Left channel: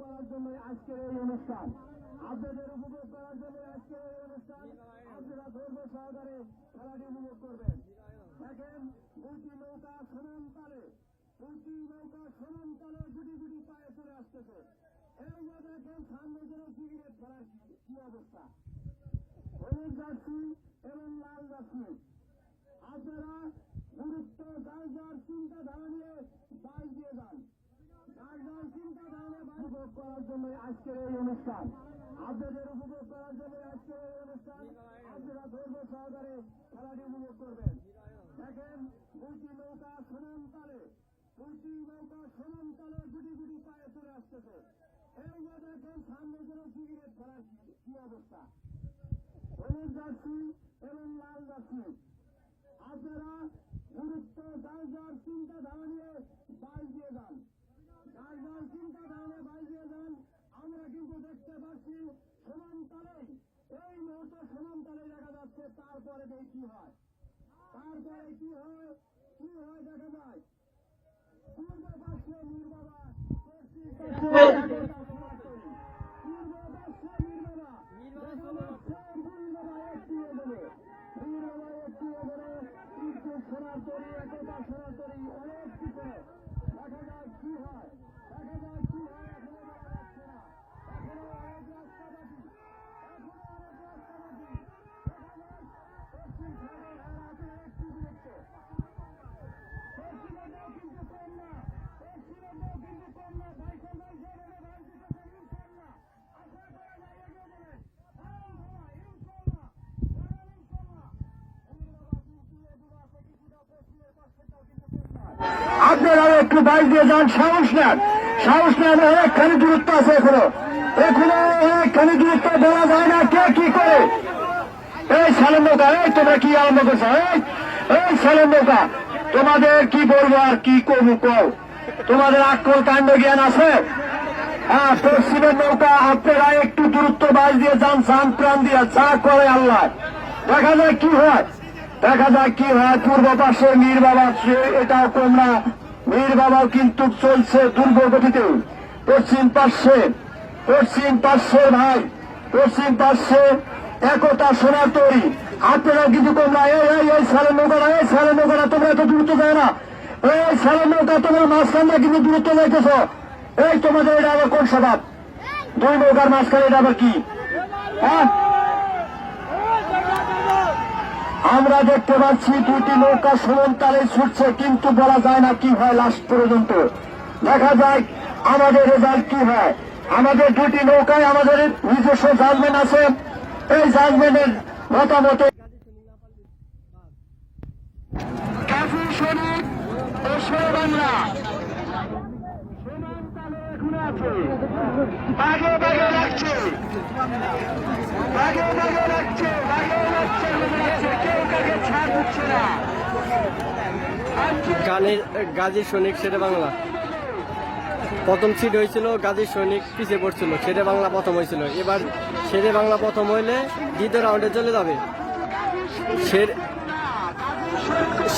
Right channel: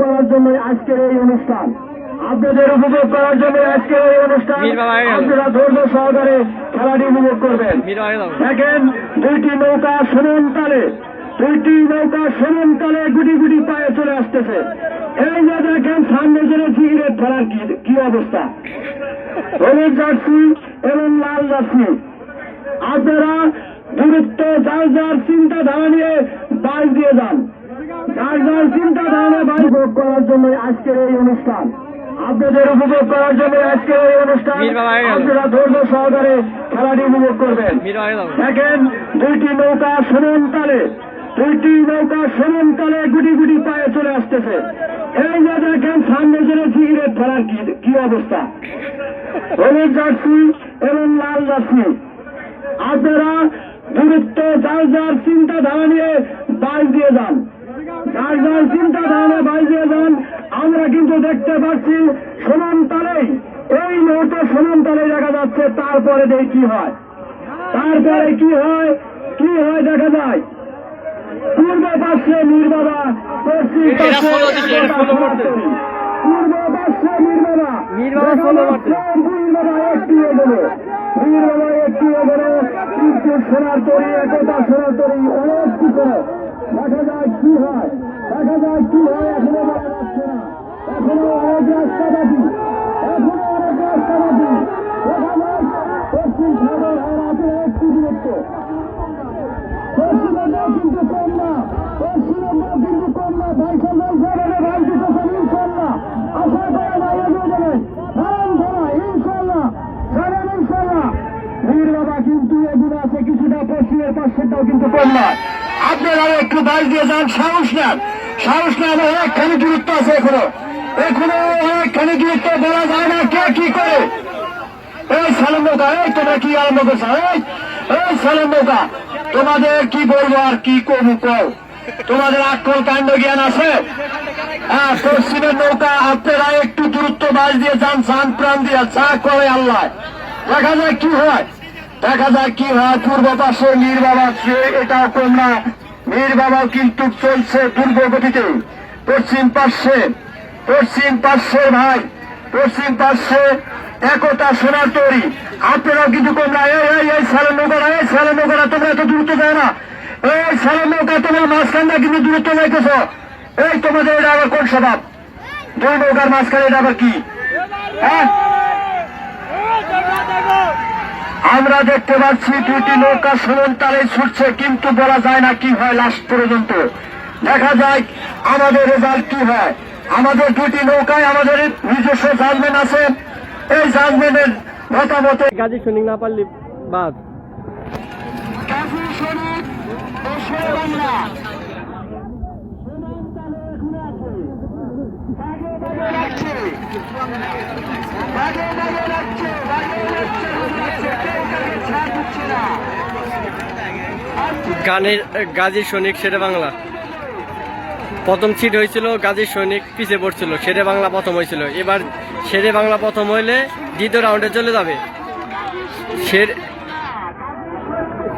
করার জন্য আজকের এই অনুষ্ঠান, আপনাদের উপভোগ করার জন্য আজকের এই অনুষ্ঠান। আপনারা ধৈর্য সহকারে খেলাটি উপভোগ করবেন। দেখেন দুইটি নৌকা সমান তালে গুটি গুটি পায়ে চলে আসতেছে। এই যে দেখেন সামনে জেনে সিগারেট ফেলার কি অবস্থা, হলুদ জার্সি এবং লাল জার্সি। আপনারা দূরত্ব যার যার চিন্তাধারা নিয়ে বাইর দিয়ে যান, যার যার চিন্তাধারা বাইর উপভোগ করার জন্য আজকের এই অনুষ্ঠান, আপনাদের উপভোগ করার জন্য আজকের এই অনুষ্ঠান। আপনারা ধৈর্য সহকারে খেলাটি উপভোগ করবেন। দেখেন দুইটি নৌকা সমান তালে গুটি গুটি পায়ে চলে আসতেছে। এই যে দেখেন সামনে জেনে সিগারেট ফেলার কি অবস্থা, হলুদ জার্সি এবং লাল জার্সি। আপনারা দূরত্ব যার যার চিন্তাধারা নিয়ে বাইর দিয়ে যান, যার যার চিন্তাধারা বাইর দিয়ে যান। আমরা কিন্তু দেখতে পাচ্ছি সমান তালেই, এই মুহূর্তে সমান তালে দেখা যাচ্ছে। তারপরে দেখি কি হয়, দেখা যায় পূর্ব পাশে মীর বাবা, পশ্চিম পাশে পূর্ব পাশে মীর বাবা একটু এগোলো, কিন্তু সোনার তরি, একতা সোনার তরি অনেক কিছু। দেখা যায় কি হয়, এখনো বলা যাচ্ছে না। এখনো অনেক রাস্তা বাকি, দেখা যায় পশ্চিম সাগর হারাতে একটু দূরত্ব। পশ্চিমবঙ্গেও কিন্তু কম না, ভাইসা ভাই দিতেছেন ইনশাল্লাহ। আশা করা যায় এগিয়ে যাবেন, ইনশাল্লাহ। মীর বাবা কিন্তু এগুলো আছে কিছুটা, পশ্চিমের পাশেরটাও কিন্তু কম না। আপনারাও একটু বাইর দিয়ে যান, সাহস নেন। অনেকখানি দূরত্ব আছে, এখনো অনেকখানি দূরত্ব দেওয়া যায় না। কে কি করে? এই সালেম নৌকা, তোমরা কি আরম্ভ করছো? এই সালেম নৌকা, তোমাদের কি বলবো আর কি করবো কও? তোমাদের আকল কাণ্ড জ্ঞান আছে? হ্যাঁ, পশ্চিমের নৌকা আপনারা একটু দূরত্ব বাইর দিয়ে যান, প্রাণ দিয়ে যা করে আল্লাহ। দেখা যায় কি হয়। পূর্ব পাশে মীর বাবা, এটাও কম না, মীর বাবাও কিন্তু চলছে দুর্গগতিতে। পশ্চিম পাশে একতা সোনার তরি, আপনারাও কিন্তু কম না। এই সালের নৌকাটা তোমরা এত দূরত্ব দেয় না। এই সালের নৌকা তোমার মাঝখানটা কিন্তু দূরত্ব যাইতেছ। এই তোমাদের এটা আবার কোন স্বভাব? দুই নৌকার মাঝখানে এটা আবার কি? হ্যাঁ, আমরা দেখতে পাচ্ছি দুটি নৌকা সমান তালে ছুটছে, কিন্তু বলা যায় না কি হয় লাস্ট পর্যন্ত। দেখা যায় আমাদের রেজাল্ট কি হয়। আমাদের দুটি নৌকায় আমাদের নিজস্ব জাজমেন্ট আছে। এই জাজমেন্টের মতামতে গাজী সৈনিক না পারলি বাদ, গাজী সৈনিক ও শেরে বাংলা সমান তালে এখনো আছে, বাগে লাগছে, কেউ কাকে ছাড় দিচ্ছে না। গাজী সৈনিক শেরে বাংলা প্রথম সিট হয়েছিল, গাজী সৈনিক পিছিয়ে পড়ছিল, শেরে বাংলা প্রথম হয়েছিল। এবার শেরে বাংলা প্রথম হইলে দ্বিতীয় রাউন্ডে চলে যাবে।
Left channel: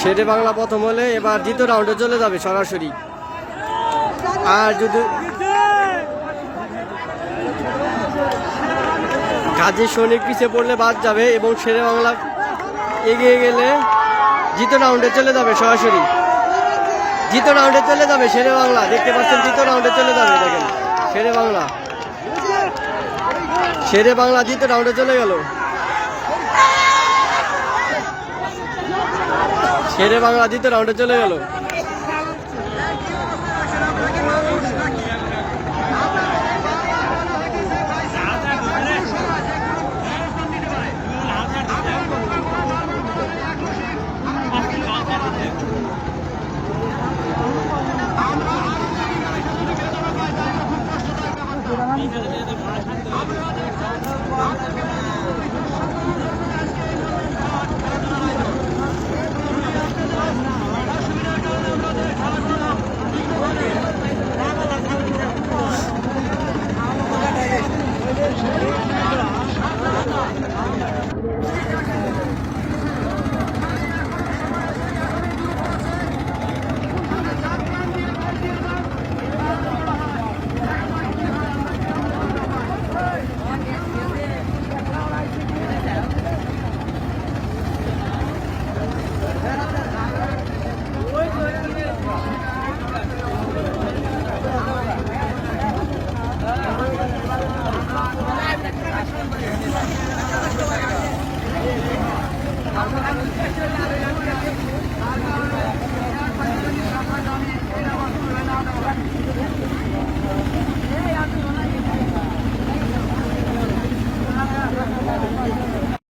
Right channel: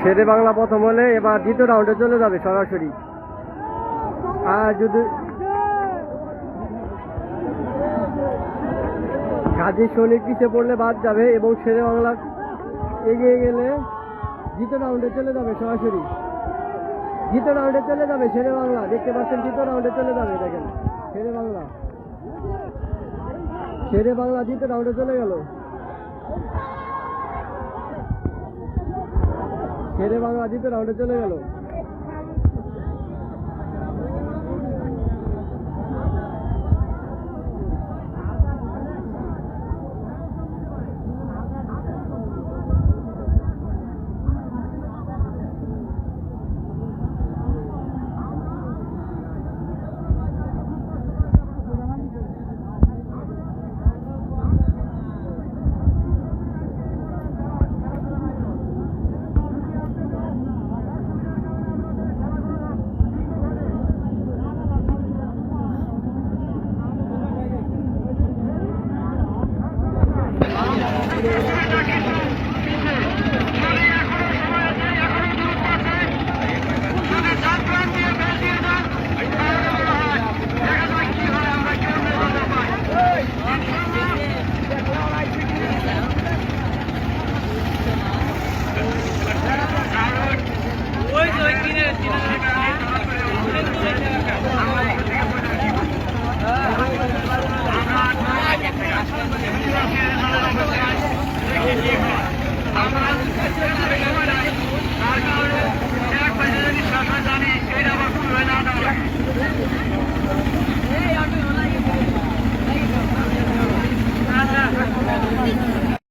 শেরে বাংলা প্রথম হলে এবার দ্বিতীয় রাউন্ডে চলে যাবে সরাসরি। আর যদি গাজী সৈনিক পিছিয়ে পড়লে বাদ যাবে এবং শেরে বাংলা এগিয়ে গেলে দ্বিতীয় রাউন্ডে চলে যাবে সরাসরি। দ্বিতীয় রাউন্ডে চলে যাবে শেরে বাংলা, দেখতে পাচ্ছেন দ্বিতীয় রাউন্ডে চলে যাবে। দেখেন শেরে বাংলা দ্বিতীয় রাউন্ডে চলে গেল। শেরে বাংলা দ্বিতীয় রাউন্ডে চলে গেল।